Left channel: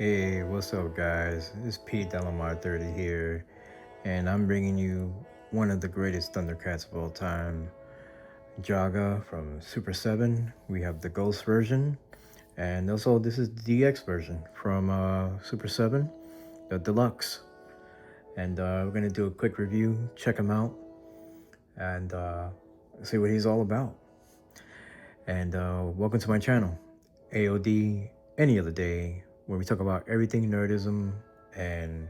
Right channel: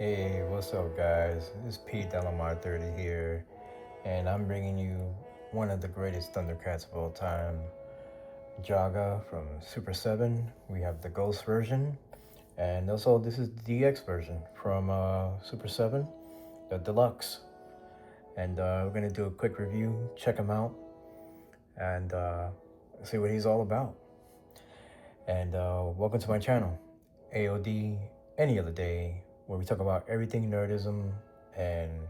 Hey, what's up, guys? This is Pete Delamar 30 here, and I'm bringing you one of the greatest Thundercats of all time, Jaga from Super 7. We have the Ghost version, and also this is the DX version from Super 7, the Deluxe. And we're gonna do a quick review, check him out, and see what he's all about. And welcome to my channel, A.O.D. Any Other Day, where we talk about everything nerdism, and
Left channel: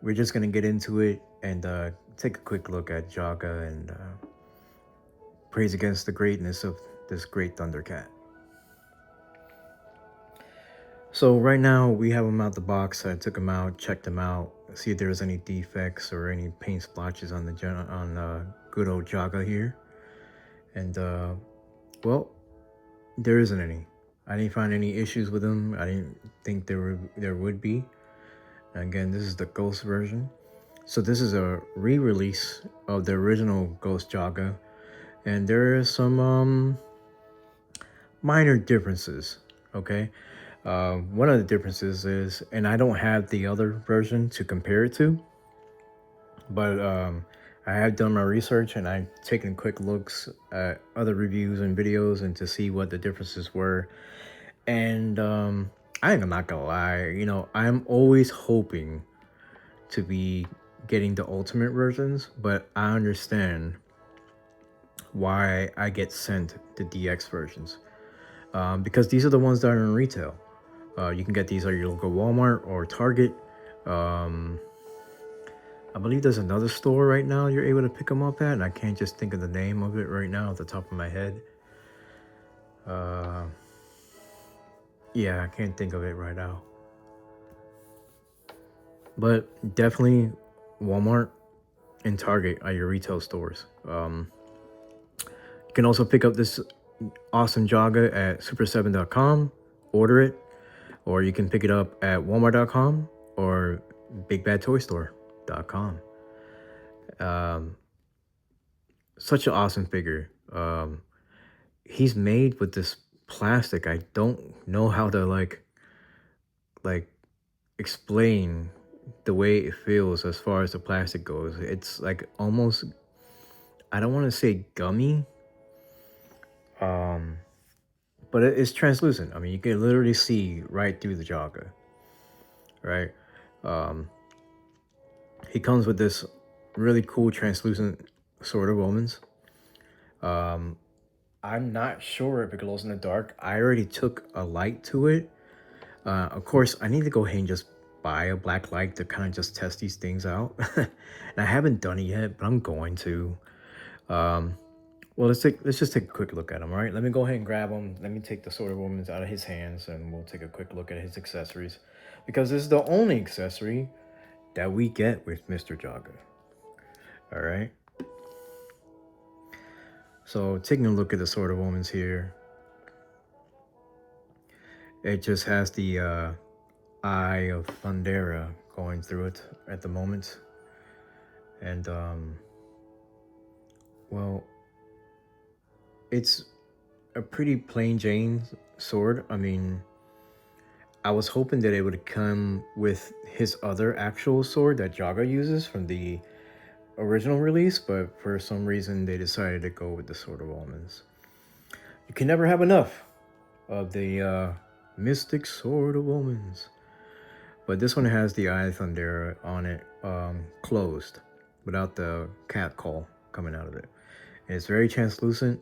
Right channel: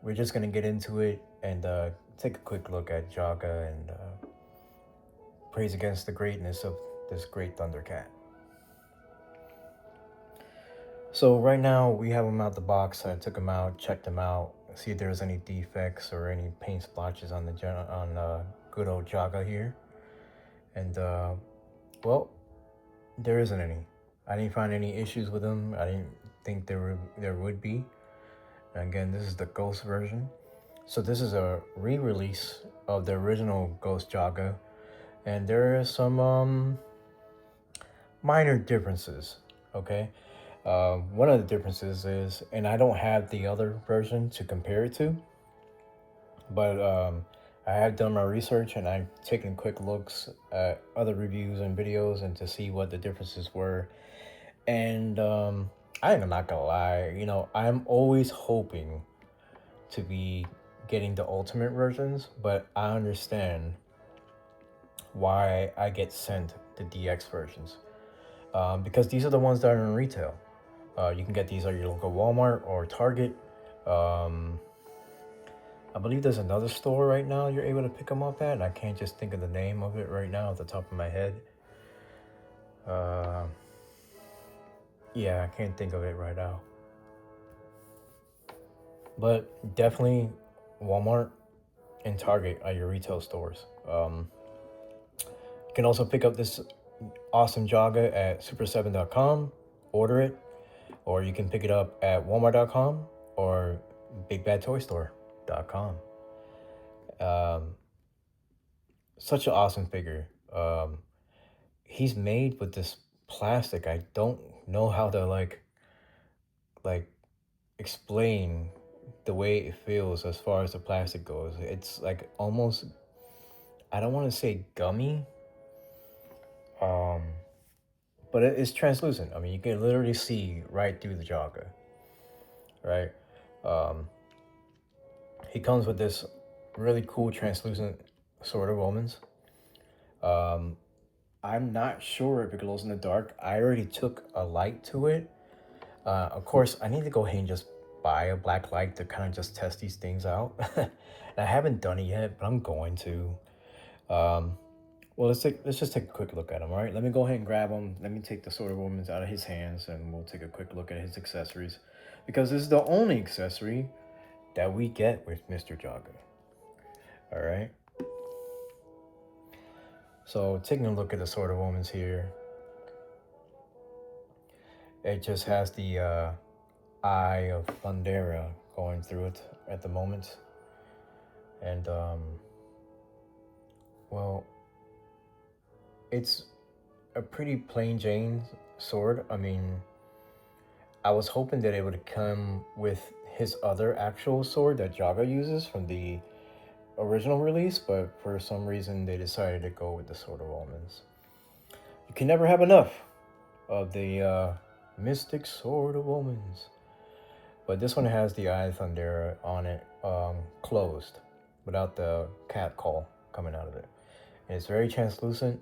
we're just gonna get into it and take a quick look at Jaga and praise against the greatness of this great Thundercat. So right now we have him out the box. I took him out, checked him out, see if there's any defects or any paint splotches on the good old Jaga here. And well, there isn't any. I didn't find any issues with him. I didn't think there would be. Again, this is the Ghost version. So this is a re-release of the original Ghost Jaga, and there are some minor differences. Okay, one of the differences is, and I don't have the other version to compare it to, but I have done my research and I've taken quick looks at other reviews and videos and to see what the differences were. And I'm not gonna lie, I'm always hoping to be getting the ultimate versions, but I understand why I get sent the DX versions, because these are the ones that are in retail. You can get these at your local Walmart or Target. Um, I believe there's another store right now you're able to pick them up at, and I can't just think of the name of it right now at the top of my head. Uh, yeah, I can't think of it right now. But definitely Walmart and Target are your retail stores. You can also pick up this awesome Jaga at super7.com, order it, or you can pick it up at walmart.com or bigbadtoystore.com. Um, Such an awesome figure. He's made with this plastic. I don't know how to like explain the way it feels as far as the plastic goes. It's like almost, I don't want to say gummy, um, but it's translucent. I mean, you can literally see right through the Jaga, right? Um, he comes with this really cool translucent sword of omens. Um, I'm not sure if it glows in the dark. I already took a light to it. Of course, I need to go ahead and just buy a black light to kind of just test these things out. And I haven't done it yet, but I'm going to. Um, well, let's just take a quick look at him. All right, let me go ahead and grab him. Let me take the sword of omens out of his hands, and we'll take a quick look at his accessories, because this is the only accessory that we get with Mr. Jaga. All right. So taking a look at the sword of omens here, it just has the eye of Thundera going through it at the moment. And well, it's a pretty plain Jane sword. I mean, I was hoping that it would come with his other actual sword that Jaga uses from the original release, but for some reason they decided to go with the Sword of Omens. You can never have enough of the Mystic Sword of Omens. But this one has the Eye of Thundera on it, closed, without the cat call coming out of it. And it's very translucent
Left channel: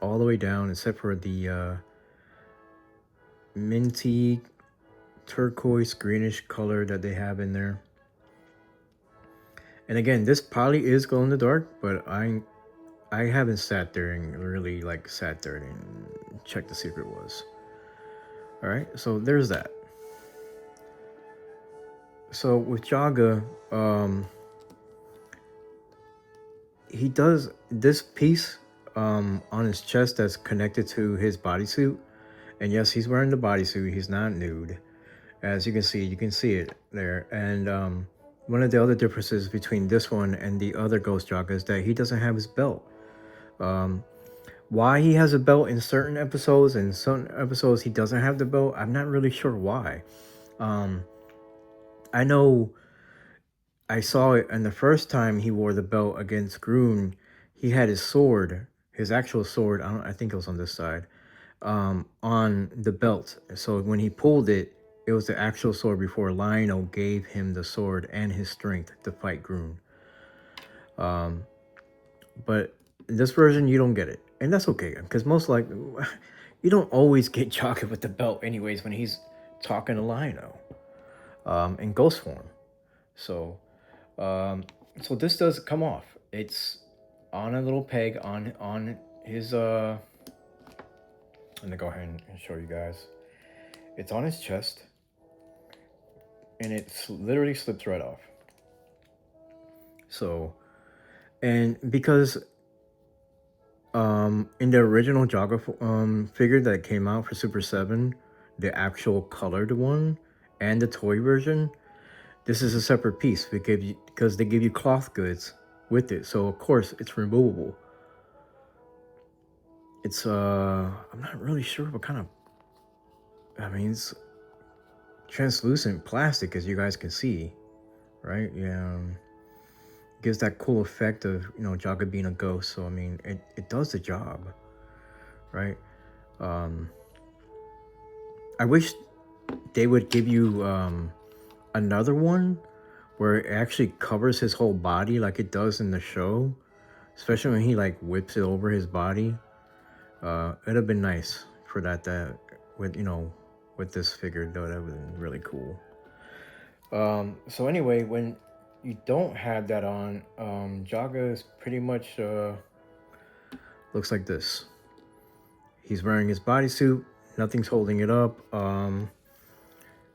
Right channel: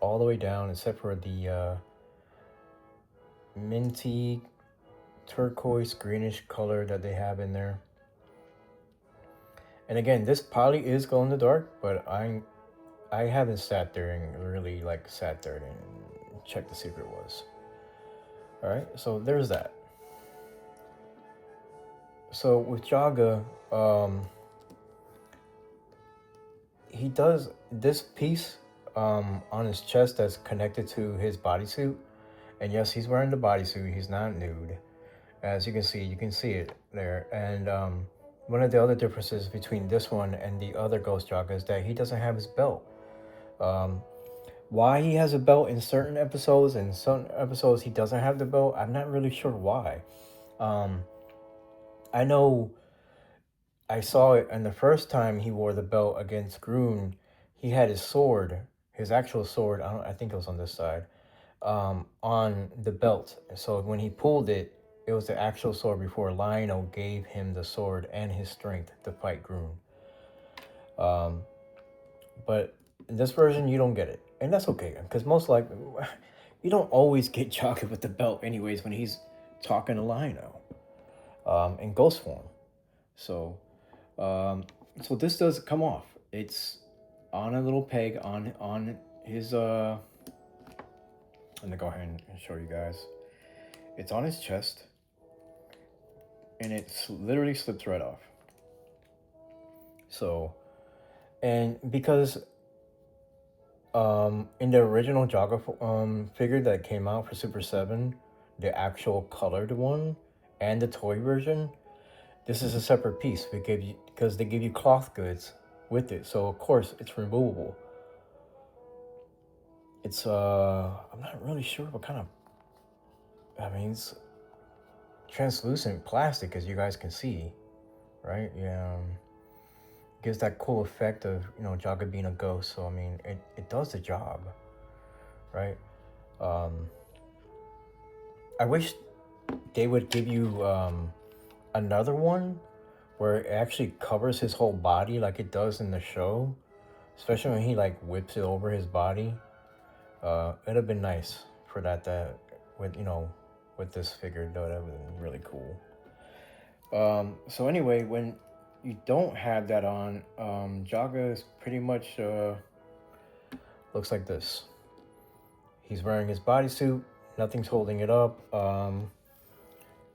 all the way down, except for the minty turquoise greenish color that they have in there. And again, this probably is glow in the dark, but I haven't sat there and really sat there and checked to see if it was. All right, so there's that. So with Jaga, he does this piece on his chest that's connected to his bodysuit. And yes, he's wearing the bodysuit. He's not nude. As you can see it there. And one of the other differences between this one and the other Ghost Jaga is that he doesn't have his belt. Why he has a belt in certain episodes and some episodes he doesn't have the belt, I'm not really sure why. Um, I know I saw it, and the first time he wore the belt against Groon, he had his sword, his actual sword. I think it was on this side, on the belt. So when he pulled it, it was the actual sword before Lionel gave him the sword and his strength to fight Groon. Um, but in this version, you don't get it, and that's okay because most like you don't always get Jaga with the belt, anyways, when he's talking to Lionel in ghost form. So Um, so this does come off. It's on a little peg on his I'm gonna go ahead and show you guys. It's on his chest, and it literally slips right off. So, and because in the original Jaga figure that came out for Super 7, the actual colored one and the toy version, this is a separate piece. Because they give you cloth goods with it, so of course it's removable. It's I'm not really sure what kind of, I mean, it's translucent plastic, as you guys can see, right? Yeah, gives that cool effect of, Jaga being a ghost. So I mean, it does the job, right? um I wish they would give you another one where it actually covers his whole body like it does in the show, especially when he like whips it over his body. It'd have been nice for that with with this figure. That would have been really cool. So anyway, when you don't have that on, Jaga is pretty much looks like this. He's wearing his bodysuit. Nothing's holding it up.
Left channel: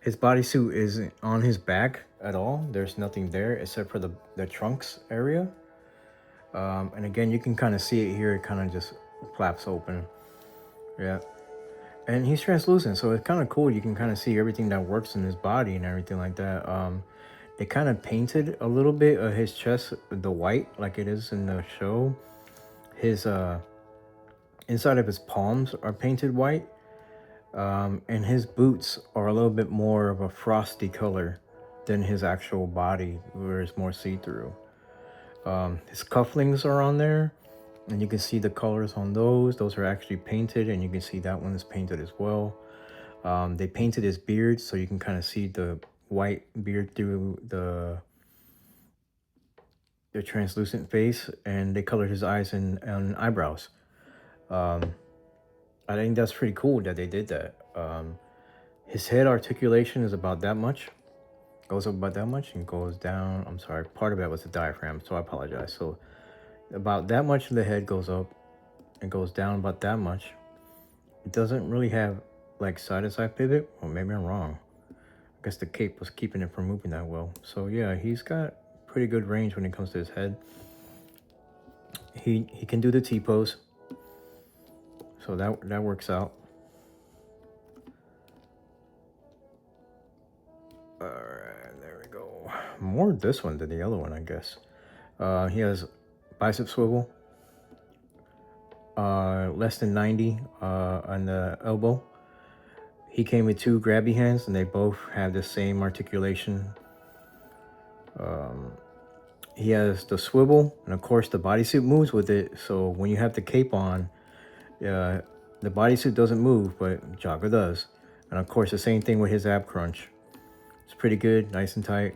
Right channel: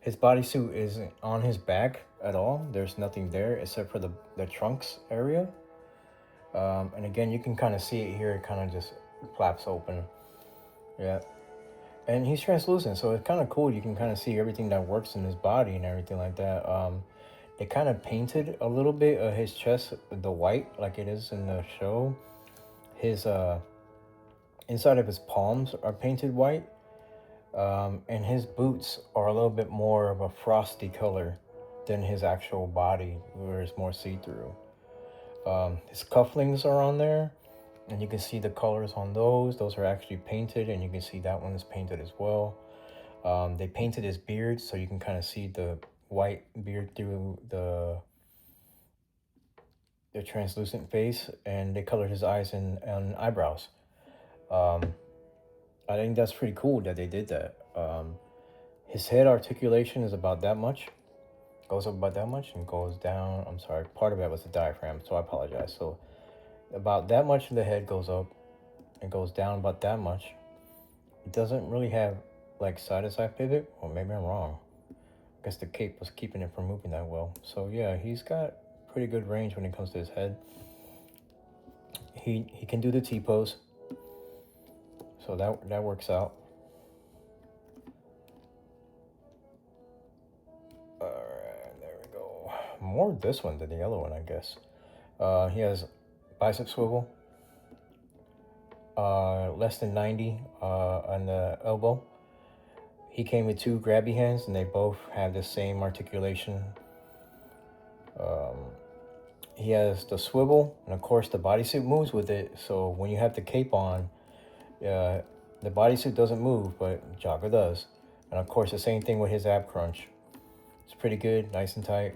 His bodysuit isn't on his back at all. There's nothing there except for the trunks area. And again, you can kind of see it here. It kind of just flaps open. Yeah. And he's translucent, so it's kind of cool. You can kind of see everything that works in his body and everything like that. They kind of painted a little bit of his chest the white like it is in the show. His inside of his palms are painted white, and his boots are a little bit more of a frosty color than his actual body, where it's more see-through. His cufflinks are on there, and you can see the colors on those. Those are actually painted, and you can see that one is painted as well. They painted his beard, so you can kind of see the white beard through the translucent face, and they colored his eyes and eyebrows. Um, I think that's pretty cool that they did that. His head articulation is about that much, goes up about that much, and goes down. I'm sorry, part of that was the diaphragm, so I apologize. So about that much of the head goes up and goes down about that much. It doesn't really have like side to side pivot, or maybe I'm wrong. I guess the cape was keeping it from moving that well. So yeah, he's got pretty good range when it comes to his head. He can do the T pose, so that works out. All right, there we go. More this one than the other one, I guess. He has bicep swivel, less than 90 on the elbow. He came with two grabby hands, and they both have the same articulation. He has the swivel, and of course the bodysuit moves with it. So when you have the cape on, the bodysuit doesn't move, but Jaga does. And of course the same thing with his ab crunch. It's pretty good, nice and tight.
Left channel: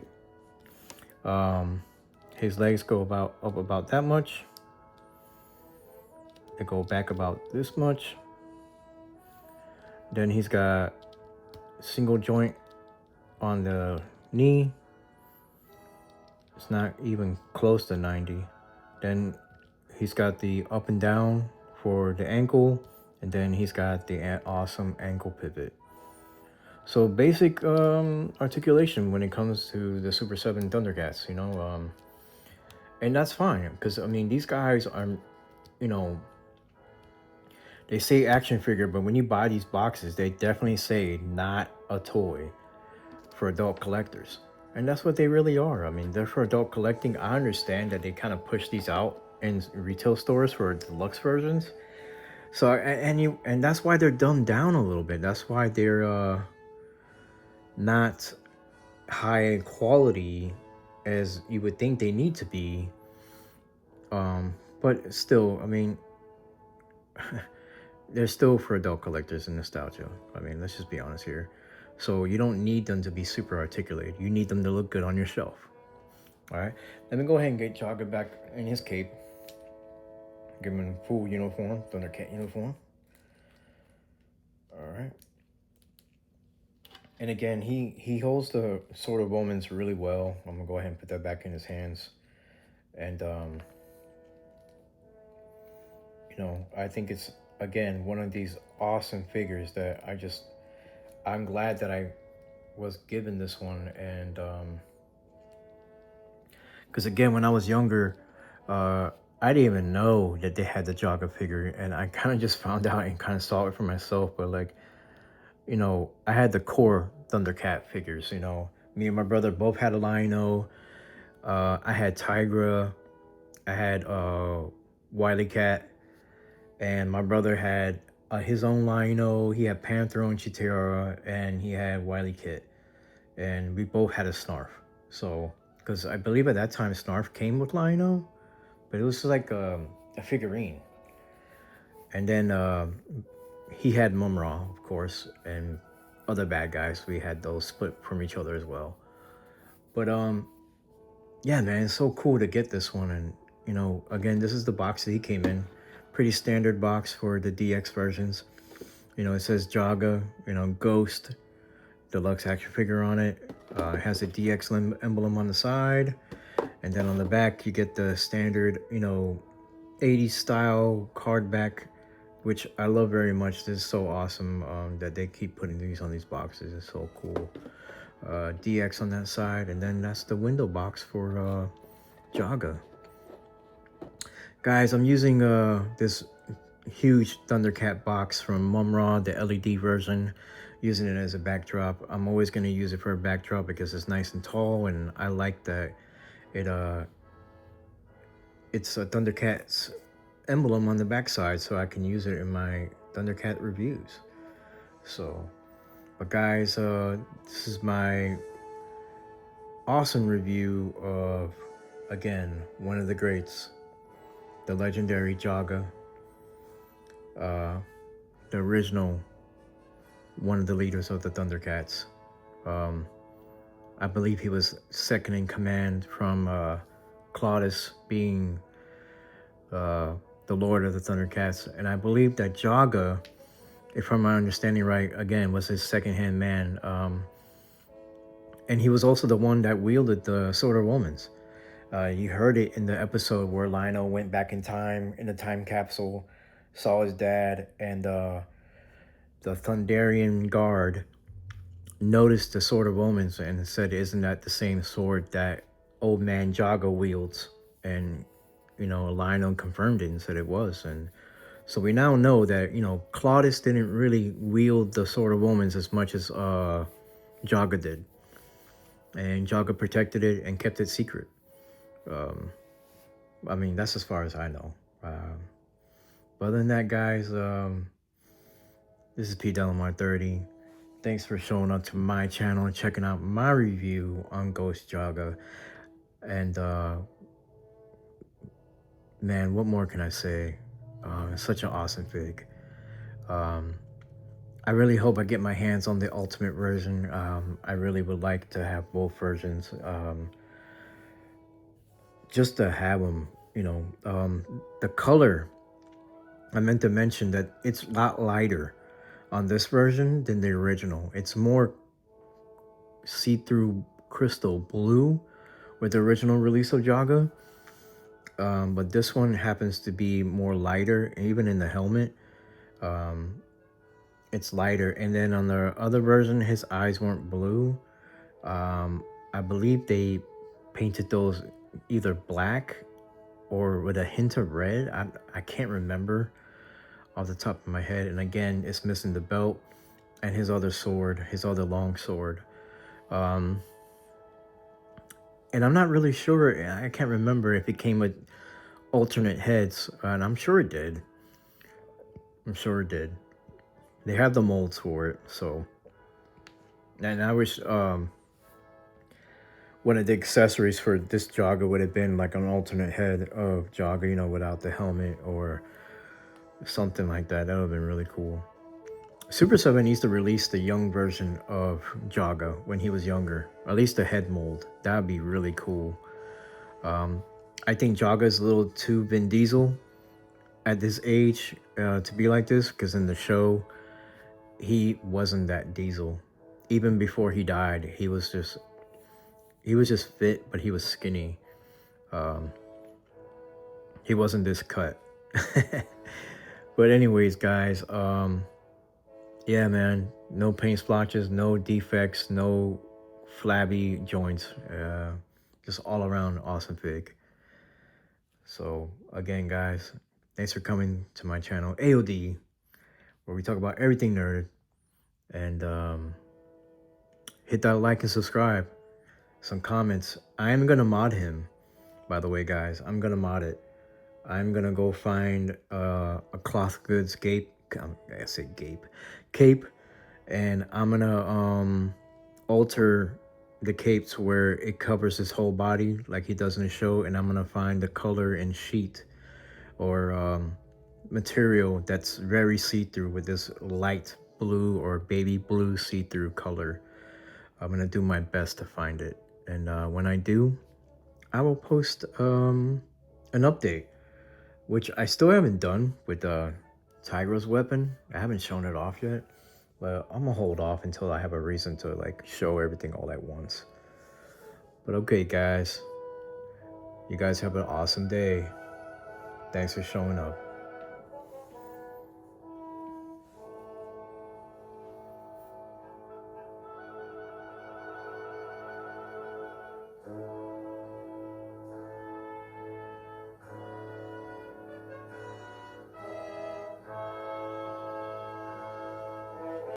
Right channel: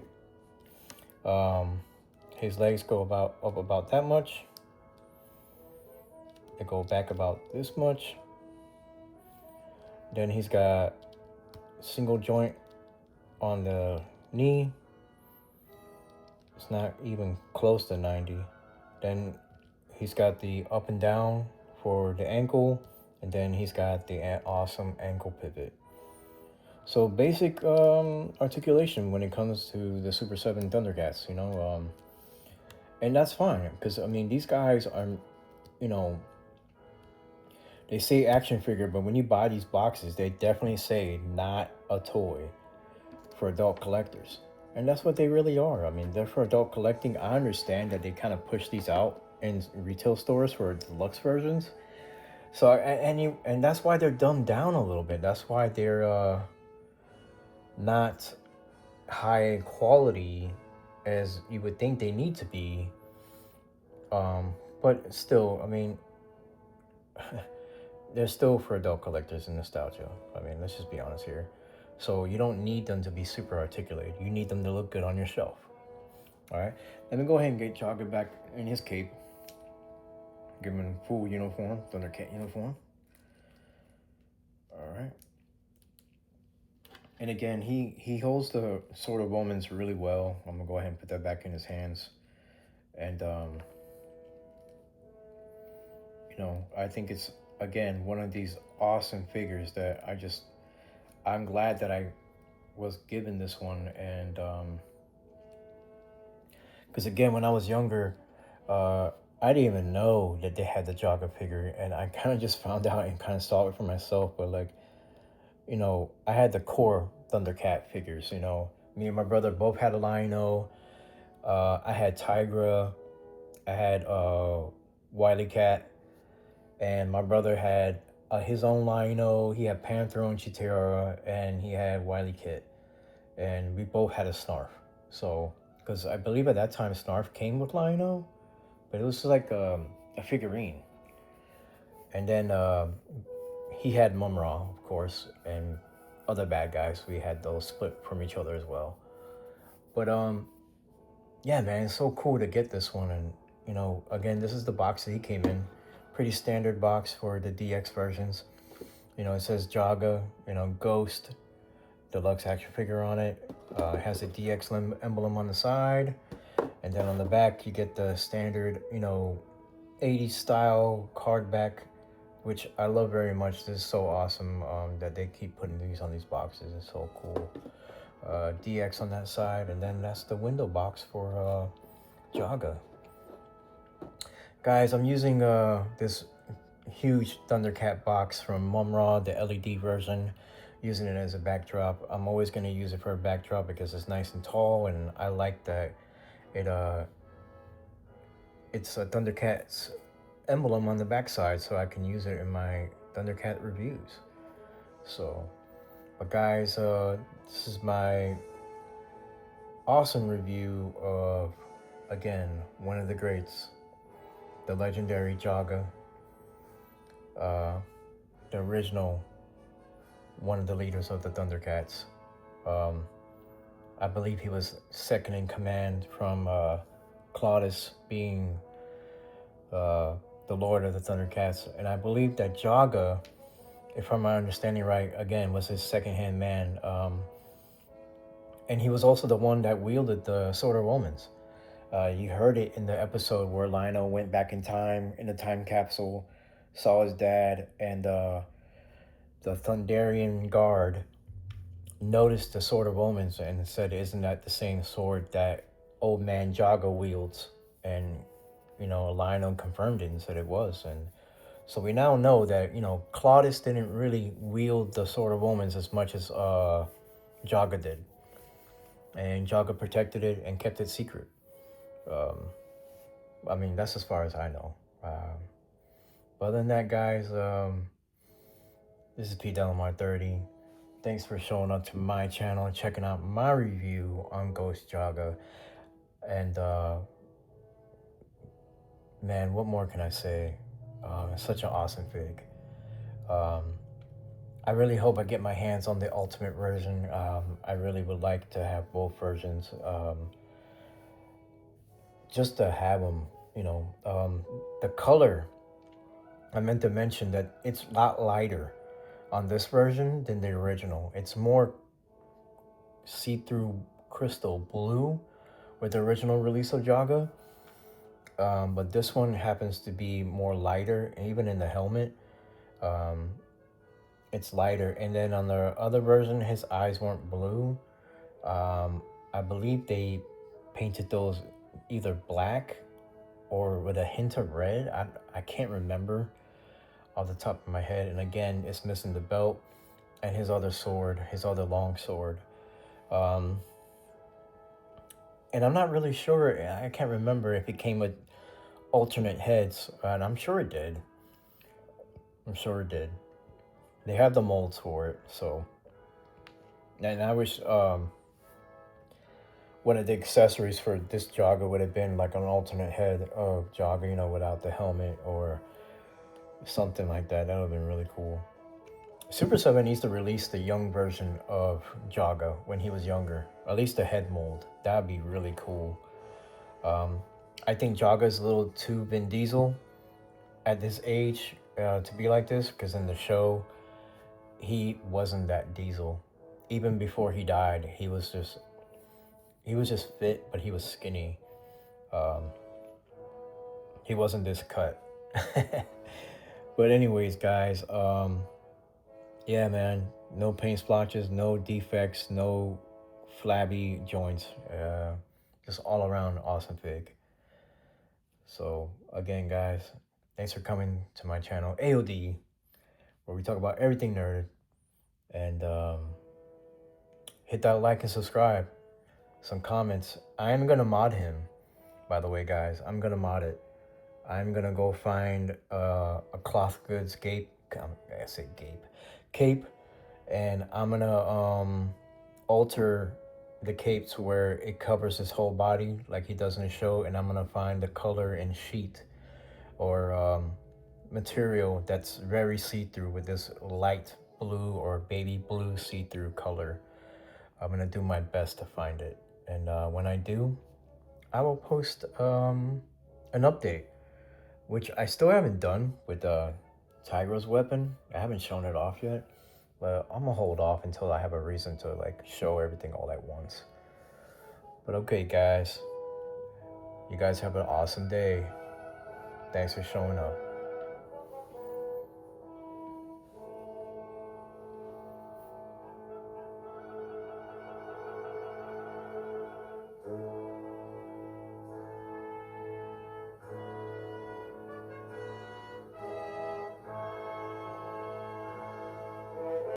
His legs go up about that much. They go back about this much. Then he's got single joint on the knee. It's not even close to 90. Then he's got the up and down for the ankle, and then he's got the awesome ankle pivot. So basic articulation when it comes to the Super 7 Thundercats, and that's fine, because I mean, these guys are, you know, they say action figure, but when you buy these boxes, they definitely say not a toy for adult collectors. And that's what they really are. I mean, they're for adult collecting. I understand that they kind of push these out in retail stores for deluxe versions. So and that's why they're dumbed down a little bit. That's why they're not high quality as you would think they need to be. But still, I mean, they're still for adult collectors and nostalgia. I mean, let's just be honest here. So you don't need them to be super articulated. You need them to look good on your shelf. All right. Let me go ahead and get Jogger back in his cape. Give him full uniform, Thundercat uniform. All right. And again, he holds the Sword of Omens really well. I'm gonna go ahead and put that back in his hands. And you know, I think it's again one of these awesome figures that I'm glad that I was given this one. And because again, when I was younger, I didn't even know that they had the Jaga figure, and I kind of just found out and kind of saw it for myself. But like, you know, I had the core Thundercat figures. You know, me and my brother both had a Lion-O. I had Tigra. I had Wily Cat, and my brother had his own Lion-O. He had Panther and Chitara, and he had Wily Kit, and we both had a Snarf. So, because I believe at that time Snarf came with Lion-O, but it was like a figurine. And then he had Mumra, of course, and other bad guys. We had those split from each other as well. But yeah, man, it's so cool to get this one. And you know, again, this is the box that he came in. Pretty standard box for the DX versions. You know, it says Jaga, you know, Ghost, Deluxe action figure on it. It has a DX emblem on the side. And then on the back, you get the standard, you know, 80s style card back, which I love very much. This is so awesome that they keep putting these on these boxes. It's so cool. DX on that side, and then that's the window box for Jaga. Guys, I'm using this huge Thundercat box from Mumra, the LED version, using it as a backdrop. I'm always going to use it for a backdrop because it's nice and tall, and I like that it's a Thundercats emblem on the backside, so I can use it in my Thundercat reviews. So, but guys, this is my awesome review of, again, one of the greats, the legendary Jaga, the original, one of the leaders of the Thundercats. I believe he was second in command from Claudius being the Lord of the Thundercats, and I believe that Jaga, if I'm understanding right, again was his second-hand man, and he was also the one that wielded the Sword of Omens. You heard it in the episode where Lion-O went back in time in the time capsule, saw his dad, and the Thunderian guard noticed the Sword of Omens and said, "Isn't that the same sword that old man Jaga wields?" And you know, Lion-O confirmed it and said it was. And so we now know that, you know, Claudius didn't really wield the Sword of Omens as much as Jaga did. And Jaga protected it and kept it secret. I mean, that's as far as I know. But other than that, guys, this is P. Delamar 30. Thanks for showing up to my channel and checking out my review on Ghost Jaga. And man, what more can I say? It's such an awesome fig. I really hope I get my hands on the ultimate version. I really would like to have both versions, just to have them, you know. The color, I meant to mention that it's a lot lighter on this version than the original. It's more see-through crystal blue with the original release of Jaga. But this one happens to be more lighter, even in the helmet. It's lighter. And then on the other version, his eyes weren't blue. I believe they painted those either black or with a hint of red. I can't remember off the top of my head. And again, it's missing the belt and his other sword, his other long sword. And I'm not really sure. I can't remember if it came with alternate heads, and I'm sure it did. I'm sure it did. They have the molds for it, so. And I wish one of the accessories for this Jaga would have been like an alternate head of Jaga, you know, without the helmet or something like that. That would have been really cool. Super 7 needs to release the young version of Jaga when he was younger. At least the head mold. That would be really cool. I think Jaga is a little too Vin Diesel at this age to be like this, because in the show, he wasn't that Diesel. Even before he died, he was just fit, but he was skinny. Um, he wasn't this cut. But anyways, guys, yeah, man, no paint splotches, no defects, no flabby joints. Just all around awesome fig. So again, guys, thanks for coming to my channel, A.O.D, where we talk about everything nerd. And hit that like and subscribe. Some comments. I am gonna mod him, by the way, guys. I'm gonna mod it. I'm gonna go find a cloth goods cape, and I'm gonna alter the cape to where it covers his whole body like he does in the show, and I'm gonna find the color and sheet or material that's very see-through with this light blue or baby blue see-through color. I'm gonna do my best to find it, and when I do, I will post an update, which I still haven't done with Tiger's weapon. I haven't shown it off yet, but I'm gonna hold off until I have a reason to like show everything all at once. But okay, guys, you guys have an awesome day. Thanks for showing up.